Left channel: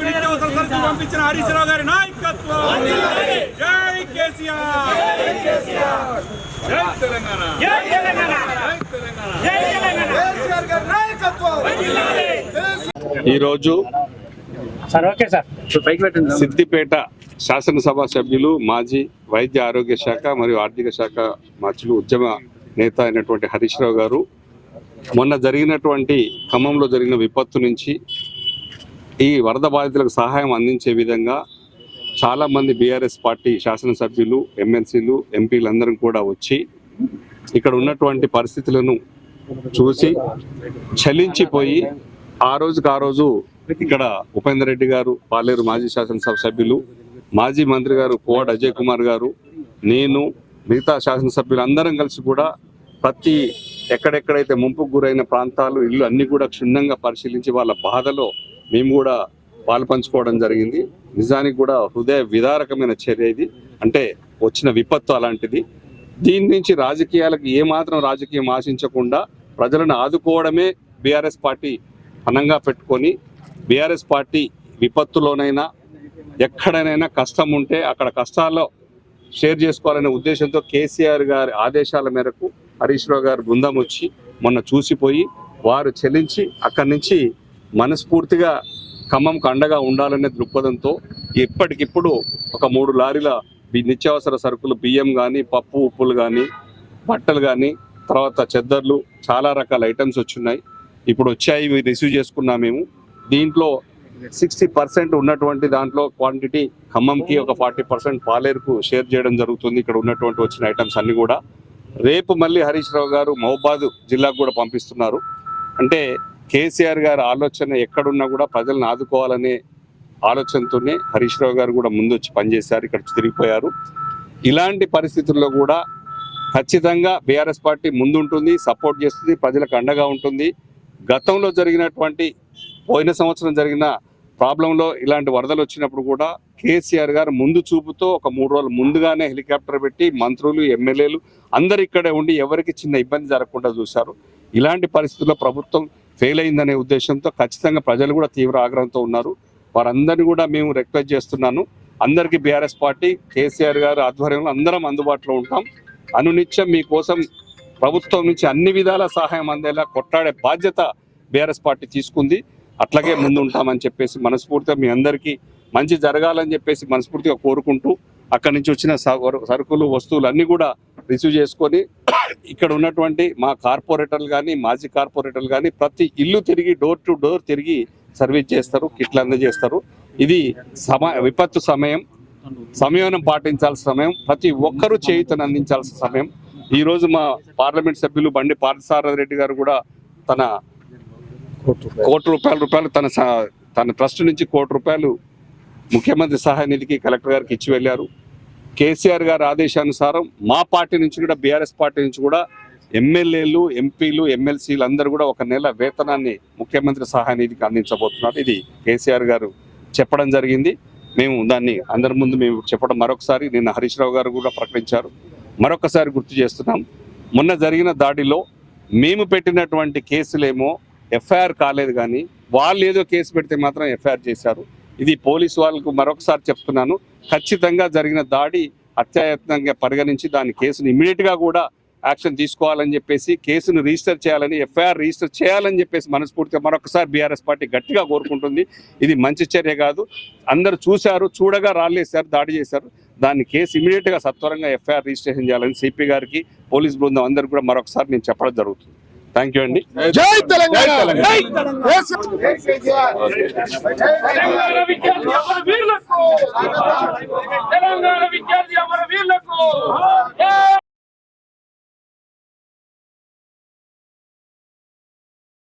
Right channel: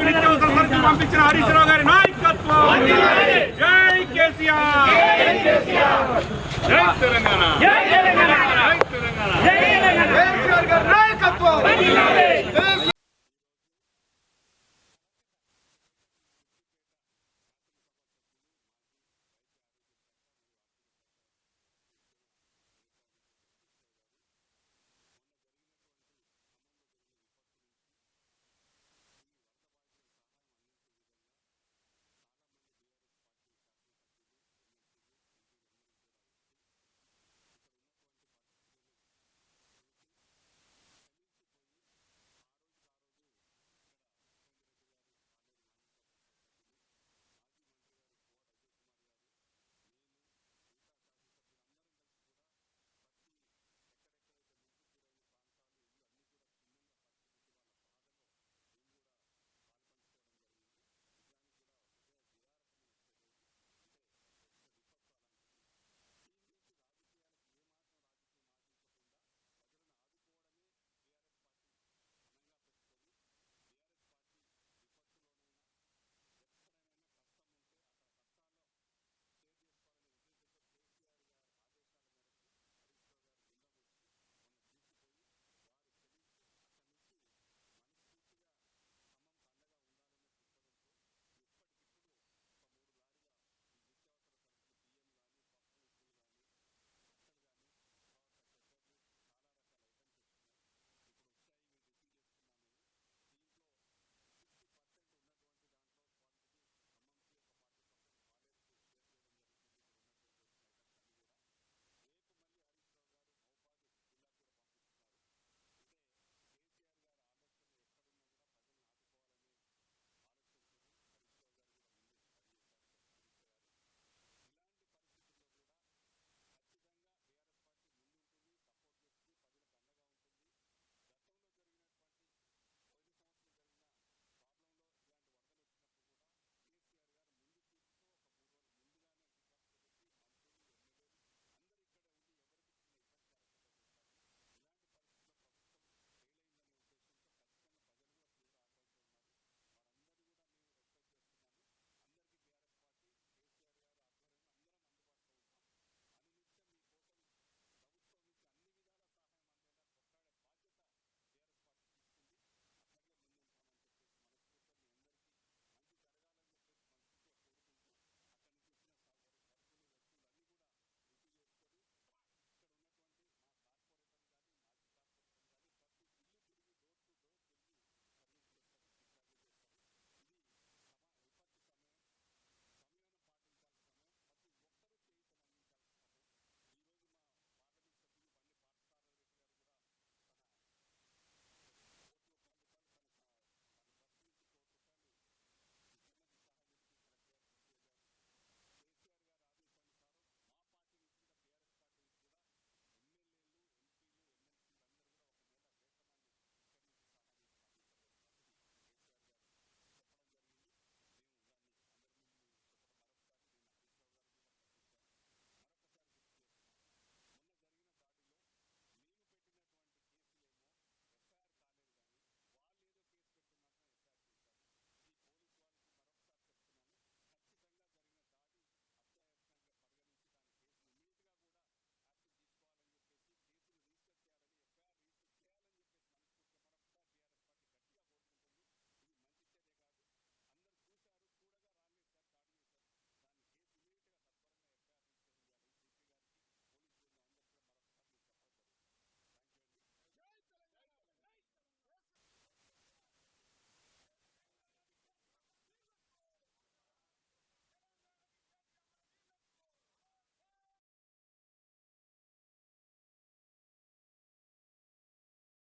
నిత్యావసర సరుకులు పంపించిన హరీష్ రావు గారి నాయకత్వం జై కేసీఆర్ జై తెలంగాణ. జై తెలంగాణ. జై తెలంగాణ. సార్ సిద్దిపేట శాసనసభ సభ్యులు మాజీ వైద్య ఆరోగ్య శాఖ మరియు ఆర్థిక శాఖ మంత్రులు ఉద్యమ నేత అయినటువంటి హరీష్ రావు గారు. మొన్న జరిగినటువంటి ఖమ్మంలో జరిగిన విపత్తు నుంచి ఈ వరద బాధితులకు సహాయం అందించే విధంగా చాలా మంది బీఆర్ఎస్ పార్టీ శాసనసభ్యులు ఎమ్మెల్సీలు ఎంపీలందరం కూడా వచ్చి ఇక్కడ ఉన్నటువంటి పరిస్థితులను చూసి చలించిపోయి ఆ రోజుకి ఆ రోజు ఇక్కడ ఉపేందర్ రెడ్డి గారు పాలేరు మాజీ శాసనసభ సభ్యులు మాజీ మంత్రి గారు కోవడ్ అజయ్ కుమార్ గారు నేను మిగతా శాసనసభ్యులు అందరం కలిసి కూడా ప్రతి ఎక్కడెక్కడైతే ముంపుకు గురైన ప్రాంతాలు ఇల్లు అన్ని కూడా క్షుణ్ణంగా పరిశీలించి వాళ్ళ బాధలో మేము కూడా పాలు పంచుకోవడం జరిగింది. నిజానికి కూడా హృదయ విదారకమైన చర్య ఇది. అంటే వచ్చిన విపత్తు అలాంటిది. దీని నుంచి రాజకీయాలకు ఏమాత్రం రాజకీయం ఆశించకుండా ప్రజలను ఆదుకోవడమే బీఆర్ఎస్ పార్టీ అనంగా పెట్టుకొని బీఆర్ఎస్ పార్టీ విపత్తులోనైనా ఎక్కడనైనా కష్టం ఉంటే అక్కడ కష్టాల్లో షేర్ చేసుకోవాలనే ఉద్దేశంతో కేసీఆర్ గారి ఆదేశాల మేరకు హరీష్ రావు గారు బృందం వచ్చి మొన్న చూసిపోయి వారు చెల్లించి అక్కడి నుంచి మనస్ఫూర్తిగా ఖమ్మంకు అండగా ఉండాలనే దృక్పథంతో ఇప్పటికిప్పుడు ఒక మూడు లారీల నిత్యావసర సరుకులు బియ్యం కానీ పప్పు ఉప్పులు కానీ బట్టలు కానీ తర్వాత చెద్దర్లు చాలా రకాల ఐటమ్స్ వచ్చున్నాయి. ఇప్పుడు వచ్చాయి ఇవి రిసీవ్ చేసుకున్నాం మేము. దీంట్లో సిక్స్టీ పర్సెంట్ ఉన్నటువంటి దాంట్లో క్వాంటిటీ ఖమ్మంకి ఒక ఫార్టీ పర్సెంట్ పాలేరుకు షేర్ చేయడం జరుగుతుంది. ఇక్కడ ఉన్నటువంటి వచ్చిన ఐటమ్స్ అన్నీ కూడా. రేపు మళ్ళీ హరీష్ రావు గారు మహబాద్ జిల్లాకు కూడా పంపిస్తున్నారు. అంటే కేసీఆర్ గారి ఆలోచన ఎక్కడున్నా కూడా ప్రజలను ఆదుకోవాలనే ఆలోచనతోనే హరీష్ రావు గారు కూడా ముందు వచ్చి పనిచేశారు ఇక్కడ తిరిగిపోయారు. ఇలాంటి పరిస్థితుల్లో కూడా ఖచ్చితంగా బీఆర్ఎస్ పార్టీ ముందుంటుంది సపోర్ట్ చేస్తుంది ప్రజలకు అండగా ఉంటుంది. గతంలో జరిగినటువంటి పోయిన సంవత్సరం జరిగిన ప్రాబ్లంలో ఇలాంటి వరదలు వచ్చినప్పుడు కూడా కేసీఆర్ గారు ముందు చూపుతో ఒక మూడు రోజులు ముందుగానే హెలికాప్టర్ పెట్టి మంత్రులు ఎమ్మెల్యేలు అందరు ఇక్కడే ఉండి ఎవరికి చిన్న ఇబ్బంది జరగకుండా చూశారు. ఇలాంటి పరిస్థితుల్లో ప్రభుత్వం ఫెయిల్ అయిందనే ఉద్దేశంతో ఖచ్చితంగా ప్రజలు కూడా తీవ్ర ఆగ్రహంతో ఉన్నారు. వారందరినీ కూడా మేము రిక్వెస్ట్ చేస్తున్నాను. అందరికీ బీఆర్ఎస్ పార్టీ కేసీఆర్ గారు ఆధ్వర్యంలో అందరం అందుబాటులో ఉంటాం. అనునిత్యం మీకోసం ప్రభుత్వం నుంచి అన్ని విధాల సహాయం అందేలా కొట్టాడే బాధ్యత బీఆర్ఎస్ పార్టీ తీసుకుంది. అట్లాగే ముందు ఉంటామని చెప్పేసి మనస్ఫూర్తిగా మీ అందరికీ మంచి జరగాలని చెప్పేసి మనస్ఫూర్తిగా కోరుకుంటూ అక్కడి నుంచి వచ్చిన సరుకులు వస్తువులు అన్నీ కూడా రిసీవ్ చేసుకొని ఇక్కడ ఉన్నటువంటి మా కార్పొరేటర్లు కానీ మాజీ కార్పొరేటర్లు కానీ ప్రతి ఇల్లు తిరిగి డోర్ టు డోర్ తిరిగి సర్వీస్ చేస్తారు కిట్లు అందజేస్తారు. ఇది సమ విపత్తు సమయం. సంయమనం పాటించాల్సిన సమయం ప్రతి ఒక్కరూ చేయుతను అందించాల్సిన సమయం. ఈ రోజు మా పార్లమెంట్ సభ్యులు బండి పార్థసారథి గారు కూడా తన కోటి రూపాయల. రూపాయలు తన తన ట్రస్ట్ నుంచి కోటి రూపాయలు ముఖ్యమంత్రి సహాయ నిధికి కలెక్టర్ గారికి ఇచ్చి వెళ్ళారు. కేసీఆర్ గారి ఆదేశానుసారం మా పార్టీ నుంచి కూడా బీఆర్ఎస్ పార్టీ నుంచి కూడా ఎమ్మెల్యేలు ఎంపీలు ఎమ్మెల్సీలు అందరూ కూడా ఒక నెల వేతనాన్ని ముఖ్యమంత్రి సహాయ నిధికి అందించబోతున్నారు. ఇది కేసీఆర్ గారు చెప్పడం జరిగింది. మేము దాన్ని అందరి ముందు మేము చెప్పడం మరొకసారి నిన్న హరీష్ రావు గారు కూడా ప్రకటించారు. మరొకసారి గుర్తు చేస్తున్నాం. మొన్న జరిగిన దాడిలో మేము పెట్టినటువంటి కేసులేమో ఎఫ్ఐఆర్ కాలేదు కానీ వాళ్ళు ఏదో కేసు పెడితే మాత్రం ఎఫ్ఐఆర్ చేశారు. ఇది పోలీసు వాళ్ళకు మరొకసారి చెప్తున్నాను. ఖచ్చితంగా జరిగిన దాడి అత్యాయత్నంగా పరిగణించి దాని కేసును ఇమీడియట్గా కూడా యాక్షన్ తీసుకోవాలని చెప్పేసి కేసును రిజిస్టర్ చేయాలని ఎఫ్ఐఆర్ రిజిస్టర్ చేయాలని చెప్పేసి మనస్ఫూర్తిగా మరొకసారి బీఆర్ఎస్ పార్టీ గట్టిగా కోరుకుంటుంది ఇది మంచి చర్య కాదు అందరూ చూశారు చూడగా రాళ్ళేశారు దాడి చేశారు దాన్ని కేసు ఇమీడియట్గా సత్వరంగా ఎఫ్ఐఆర్ రిజిస్ట్రేషన్ చేయాలని సిపి గారికి పోలీస్ బృందం అందరికీ కూడా మరొకసారి నేను చెప్పడం జరుగుతుంది థ్యాంక్ యూ అండి జై తెలంగాణ తెలంగాణ విద్యార్థి